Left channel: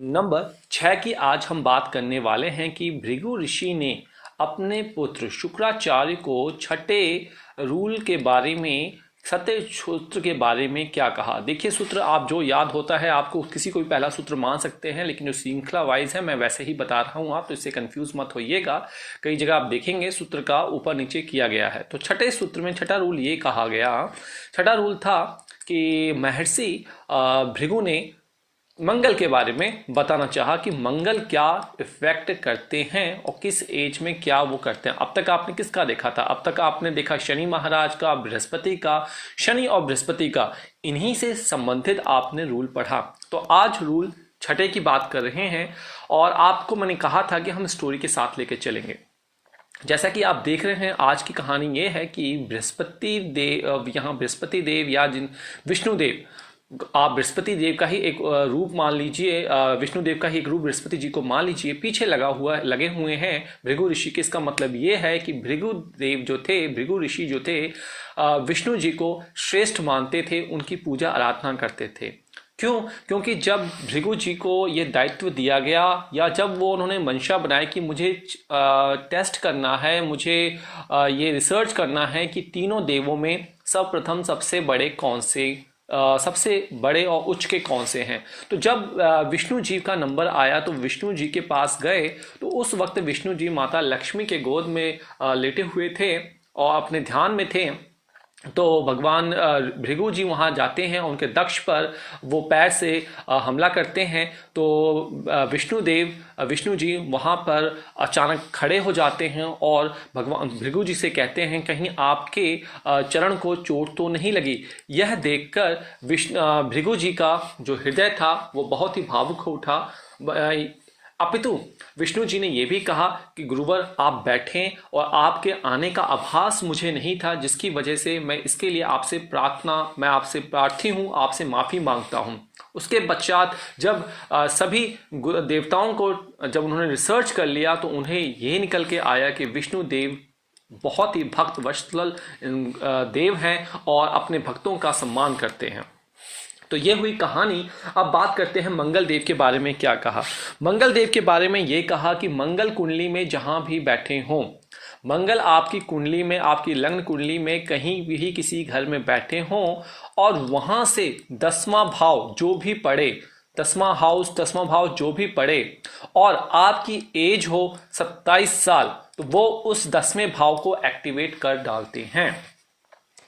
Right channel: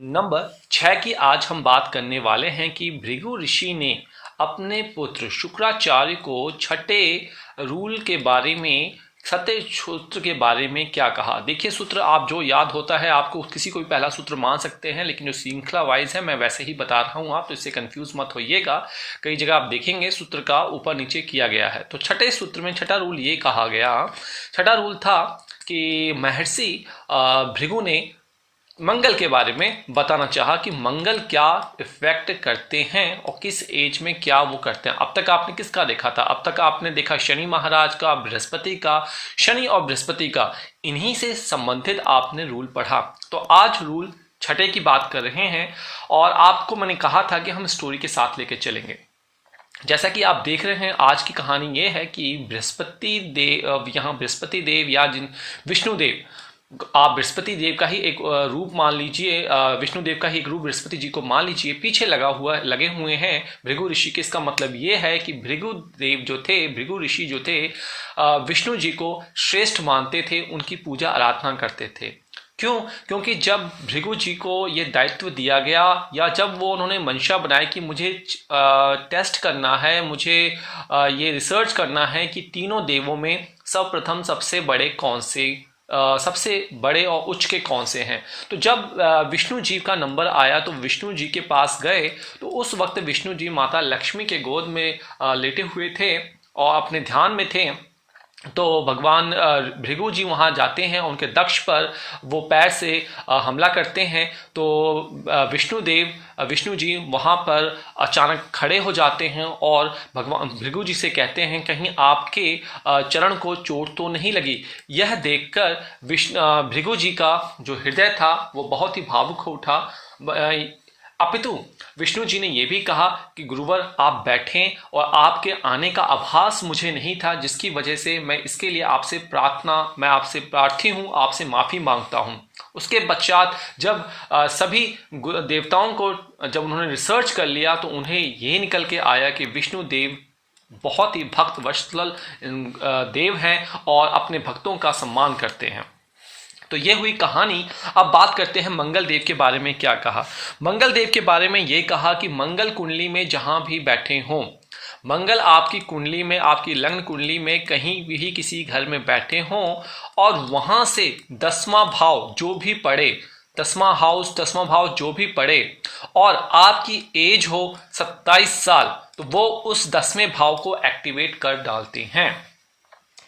Number 6 की आज हम बात करने वाले हैं कि भृगु ऋषि ने अपने पुत्र शुक्राचार्य को छठे रूल के बारे में सत्य सूत्र के बारे में क्या कहा। देखिए, सूत्र आप जो याद होता है आपको किसी को भी पहला सूत्र मान सकते हैं, लेकिन जो श्रृंखला वाइज है मैं वैसे ही बता रहा हूँ, आप तो इससे कंफ्यूज मत होइएगा। कई जगह आप देखेंगे सूत्र का ऊपर नीचे किया गया है। तो छठे सूत्र में छठा रूल ये कहा गया, छठा रूल था कि महर्षि भृगु ने मंगल के बारे में बताना चाहा कि मंगल क्या इफेक्ट करते हैं और किस एज में क्या वो करते हैं। अब तक आपने किसका देखा था? अब तक आपने देखा शनि महाराज का, बृहस्पति का, शनि और बृहस्पति का, इन्हीं से संबंधित आपने रूल पढ़ा। तो आज रूल छठे की बात कर रहे हैं और आपको मैंने कहा था कि हम स्टोरी के साथ लेके चलेंगे। जैसा कि आप देख रहे हैं, आज की कहानी ये है कि बृहस्पति देव, यहाँ बृहस्पति देव या जिन विष्णु देव, आप बृहस्पति देव का ही एक रूप मान लीजिए, विष्णु देव का ही एक रूप बृहस्पति जी को मान लीजिए, पीछे लगे हुए हैं भृगु ऋषि के। इसका मतलब ये है कि भृगु देव जो थे, भृगु ऋषि जो थे, विष्णु जी को श्रेष्ठ मानते थे, उनकी पूजा आराधना करते थे। क्यों? क्योंकि जब भृगु जी को ये दायित्व दिया गया या जब वो उन्होंने मंशा बनाई कि मुझे टेस्ट करना है, मुझे ये रिसर्च करना है कि तीनों देवों में सर्वप्रथम सबसे बड़े कौन से, सबसे बड़े और उच्च के कौन से हैं, तो जब विष्णु जी का नंबर आया तो विष्णु जी के पास गए। तो उस वक्त विष्णु जी माता लक्ष्मी के गोद में लेटे हुए थे और अपने ध्यान में थे। तो भगवान भृगु जी वहाँ जाते हैं, उनके दक्ष पर वो पैर से हमला करते हैं। तो विष्णु जी वहाँ पर अचानक खड़े हो जाते हैं और भगवान भृगु जी से कहते हैं कहीं आपके चरण को चोट तो नहीं लगी। यह देखकर भृगु जी का जो हृदय था वो बहुत ही भावुक हो उठा। अपितु विष्णु जी ने यह भी कहा कि गुरुवर आप बैठें, और आपके आने का आभास मुझे नहीं था, जिसकी वजह से मैं इसके लिए मैं आपसे प्रार्थी हूँ, आपसे माफ़ी मांगता हूँ। उसके पश्चात जब सभी देवताओं को जब उन्होंने रिसर्च कर लिया तो उन्हें ये निकल के आया कि विष्णु देव बहुत ही भक्त वत्सल देव हैं और अपने भक्तों का सम्मान करते हैं। तो ये हुई कहानी। अब बात करते हैं मंगल देव के बारे में क्या कहा। मंगल देव के बारे में ये कहा कि मंगल कुंडली में जहाँ भी बैठे हों, मंगल आपकी कुंडली में, आपकी लग्न कुंडली में कहीं भी किसी घर में बैठे हों और वहाँ से 10वां भाव जो भी पड़े, 10वां भाव जो भी पड़े और आपकी एज हो 27 साल, तो वो उस 10वें भाव को एक्टिवेट कर डालते हैं।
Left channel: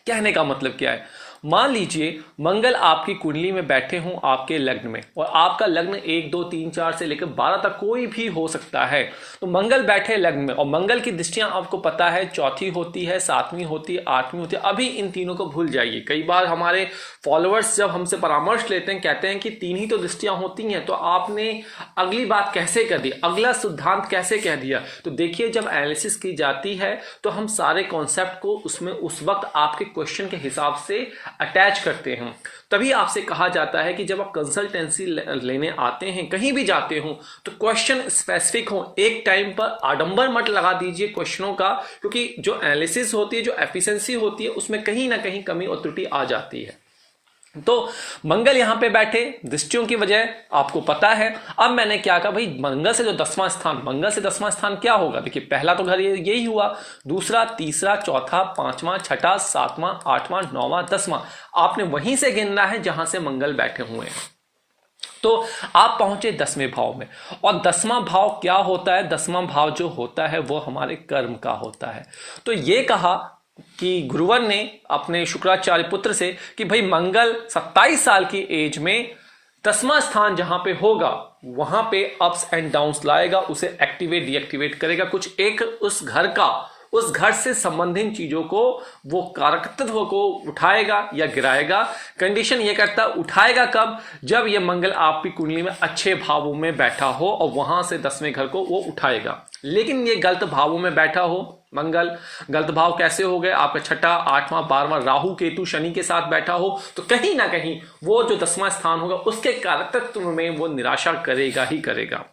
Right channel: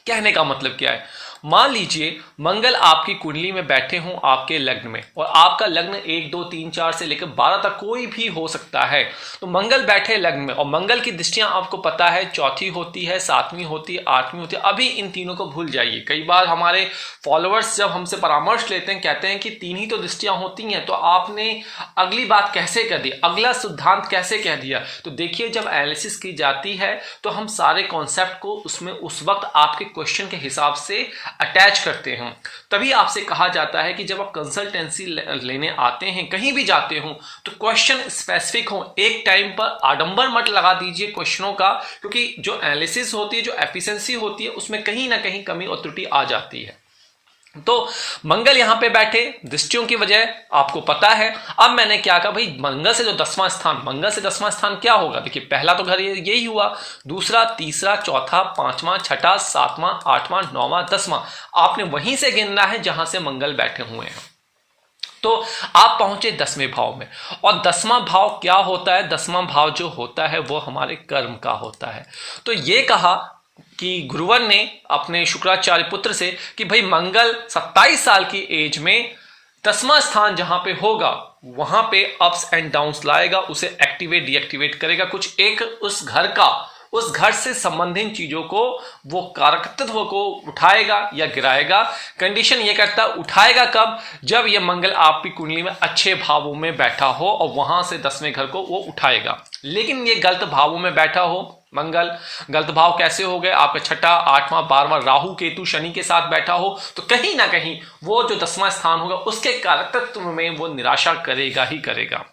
कहने का मतलब क्या है? मान लीजिए मंगल आपकी कुंडली में बैठे हों आपके लग्न में, और आपका लग्न 1 2 3 4 से लेकर 12 तक कोई भी हो सकता है। तो मंगल बैठे लग्न में, और मंगल की दृष्टियां आपको पता है चौथी होती है, 7वीं होती है, 8वीं होती है। अभी इन तीनों को भूल जाइए। कई बार हमारे फॉलोअर्स जब हमसे परामर्श लेते हैं कहते हैं कि 3 ही तो दृष्टियां होती हैं, तो आपने अगली बात कैसे कर दी, अगला सिद्धांत कैसे कह दिया। तो देखिए, जब एनालिसिस की जाती है तो हम सारे कॉन्सेप्ट को उसमें उस वक्त आपके क्वेश्चन के हिसाब से अटैच करते हैं। तभी आपसे कहा जाता है कि जब आप कंसल्टेंसी लेने आते हैं, कहीं भी जाते हो, तो क्वेश्चन स्पेसिफिक हो। एक टाइम पर आडंबर मत लगा दीजिए क्वेश्चनों का, क्योंकि जो एनालिसिस होती है, जो एफिशिएंसी होती है, उसमें कहीं ना कहीं कमी और त्रुटि आ जाती है। तो मंगल यहां पे बैठे, दृष्टियों की वजह आपको पता है। अब मैंने क्या कहा भाई, मंगल से जो 10वां स्थान, मंगल से 10वां स्थान क्या होगा? देखिए, पहला तो घर यही हुआ, दूसरा, तीसरा, चौथा, 5वां, छठा, 7वां, 8वां, 9वां, 10वां, आपने वहीं से गिनना है जहां से मंगल बैठे हुए हैं। तो आप पहुंचे 10वें भाव में, और 10वां भाव क्या होता है? 10वां भाव जो होता है वो हमारे कर्म का होता है। तो ये कहा कि गुरुवर ने अपने शुक्राचार्य पुत्र से कि भाई मंगल 27 साल की एज में 10वां स्थान जहां पे होगा वहां पे अप्स एंड डाउन्स लाएगा, उसे एक्टिवेट डीएक्टिवेट करेगा, कुछ एक उस घर से संबंधित चीजों को, वो कारकत्व को उठाएगा या गिराएगा। कंडीशन ये करता, उठाएगा कब? जब ये मंगल आपकी कुंडली में अच्छे भावों में बैठा हो और वहां से 10वें घर को वो उठाएगा। लेकिन ये गलत भावों में बैठा हो, मंगल गलत भाव कैसे हो गए? आपका छठा, 8वां, 12वां राहु केतु शनि के साथ बैठा हो, तो कहीं ना कहीं वो जो 10वां स्थान होगा उसके कारकत्व में वो निराशा करेगा ही करेगा।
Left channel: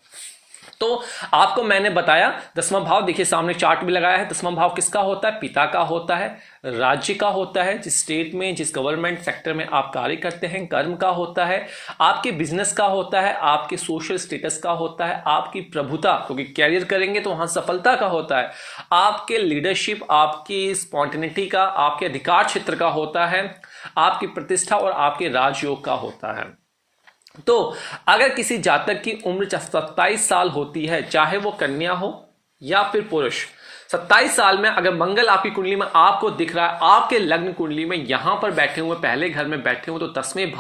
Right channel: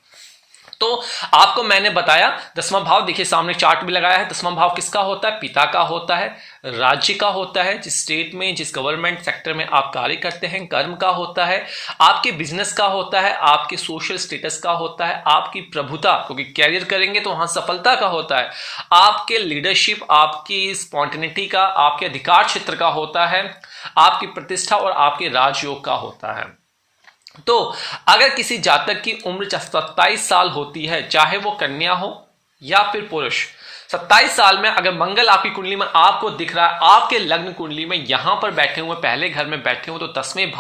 तो आपको मैंने बताया 10वां भाव, देखिए सामने चार्ट भी लगाया है। 10वां भाव किसका होता है? पिता का होता है, राज्य का होता है, जिस स्टेट में जिस गवर्नमेंट सेक्टर में आप कार्य करते हैं, कर्म का होता है, आपके बिजनेस का होता है, आपके सोशल स्टेटस का होता है, आपकी प्रभुता क्योंकि कैरियर करेंगे तो वहां सफलता का होता है, आपके लीडरशिप, आपकी स्पॉन्टेनिटी का, आपके अधिकार क्षेत्र का होता है, आपकी प्रतिष्ठा और आपके राजयोग का होता है। तो अगर किसी जातक की उम्र 27 साल होती है, चाहे वो कन्या हो या फिर पुरुष, 27 साल में अगर मंगल आपकी कुंडली में आपको दिख रहा है, आपके लग्न कुंडली में यहां पर बैठे हुए, पहले घर में बैठे हुए, तो 10वें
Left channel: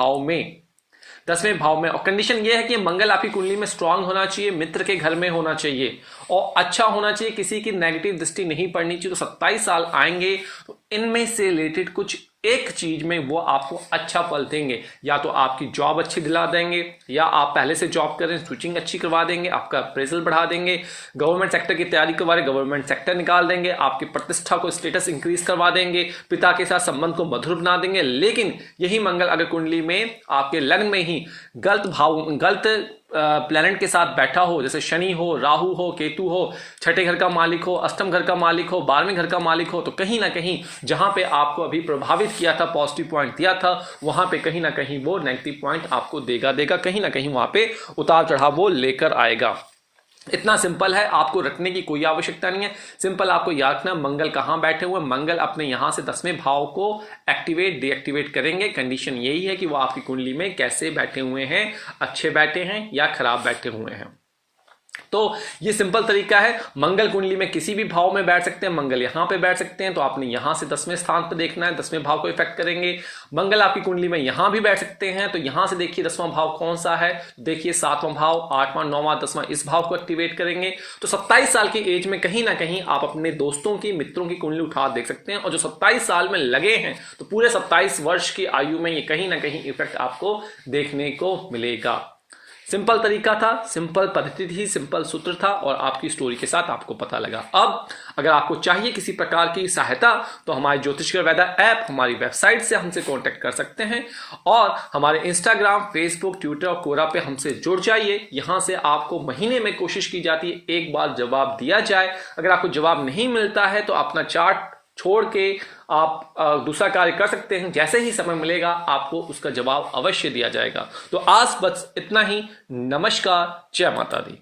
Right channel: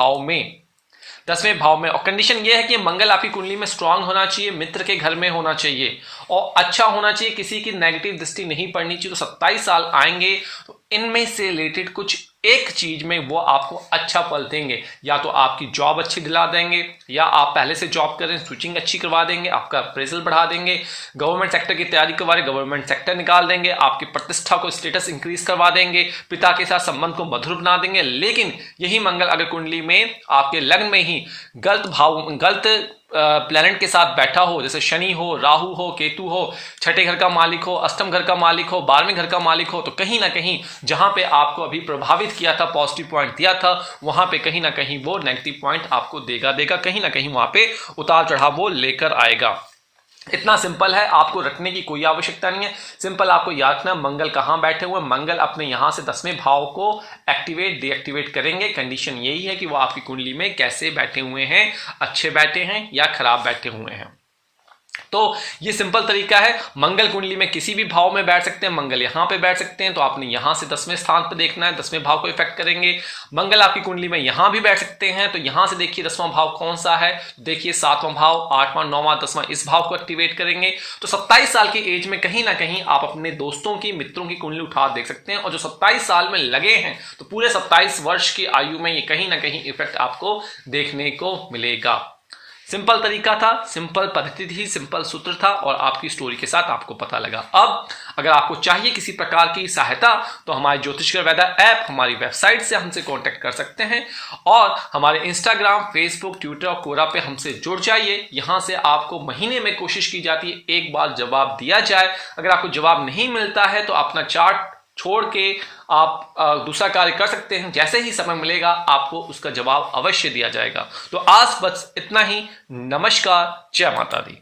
भाव में और कंडीशन ये है कि मंगल आपकी कुंडली में स्ट्रांग होना चाहिए, मित्र के घर में होना चाहिए और अच्छा होना चाहिए, किसी की नेगेटिव दृष्टि नहीं पड़नी चाहिए। तो 27 साल आएंगे तो इनमें से रिलेटेड कुछ एक चीज में वो आपको अच्छा फल देंगे, या तो आपकी जॉब अच्छी दिला देंगे, या आप पहले से जॉब कर रहे हैं स्विचिंग अच्छी करवा देंगे, आपका अप्रेजल बढ़ा देंगे, गवर्नमेंट सेक्टर की तैयारी करवा रहे गवर्नमेंट सेक्टर निकाल देंगे, आपकी प्रतिष्ठा को स्टेटस इंक्रीज करवा देंगे, पिता के साथ संबंध को मधुर बना देंगे। लेकिन यही मंगल अगर कुंडली में आपके लग्न में ही गलत प्लैनेट के साथ बैठा हो, जैसे शनि हो, राहु हो, केतु हो, छठे घर का मालिक हो, अष्टम घर का मालिक हो, 12वें घर का मालिक हो, तो कहीं ना कहीं जहां पे आपको अभी प्रभावित किया था, पॉजिटिव पॉइंट दिया था, वहां पे कहीं ना कहीं वो नेगेटिव पॉइंट आपको देगा, कहीं ना कहीं वहां पे उतार चढ़ाव वो लेकर आएगा। इतना सिंपल है, आपको रखने की कोई आवश्यकता नहीं है। सिंपल आपको याद रखना मंगल कहां बैठे हुए, मंगल अपने यहां से 10वें भाव को एक्टिवेट डीएक्टिवेट करेंगे। कंडीशन यही है कि वो आपकी कुंडली में कैसे बैठे हुए हैं, अच्छे बैठे हैं या खराब बैठे हुए हैं। तो ये सिंपल तरीका है। मंगल कुंडली में किसी भी भाव में बैठ सकते हैं, मंगल यहां पे बैठ सकते हैं, तो आपने यहां से 10वें स्थान पे देखना है, 10वें भाव को इफेक्ट करेंगे। मंगल आपकी कुंडली में यहां भी बैठ सकते हैं, तो यहां से देखिए 10वां भाव कौन सा है, देखिए 7वां भाव, 8वां, 9वां, 10वां, इस भाव को एक्टिवेट करेंगे। तो 27 साल की एज में कहीं ना कहीं आप अपने दोस्तों की, मित्रों की कुंडली उठा देख सकते हैं, और जो 27 साल में लगे हैं तो पूरे 27 वर्ष की आयु में ये कहीं ना कहीं इफेक्ट आपको देखने को मिलेगा। सिंपल तरीका था, सिंपल पद्धति थी, सिंपल सूत्र था, और आपकी स्टोरी के साथ आपको पता लगा। अब अगर आपको चाहिए किसी प्रकार की सहायता तो हमारे ज्योतिषकर वैद्य ऐप, हमारी वेबसाइट से हमसे कांटेक्ट कर सकते हैं, और हमारे इंस्टाग्राम, फेसबुक, ट्विटर और कोरा पे हमसे जुड़ जाइए। यहां से आपको महीने में कोशिश की जाती है एक बार जवाब दिया जाए। अगर आपको जवाब नहीं मिलता है तो अपना चार्ट छोड़ के आप दूसरा कार्य कर सकते हैं। जैसे ही समय मिलेगा आपको उसका जवाब अवश्य दिया जाएगा। तो आज बस इतना ही। नमस्कार, जय माता दी।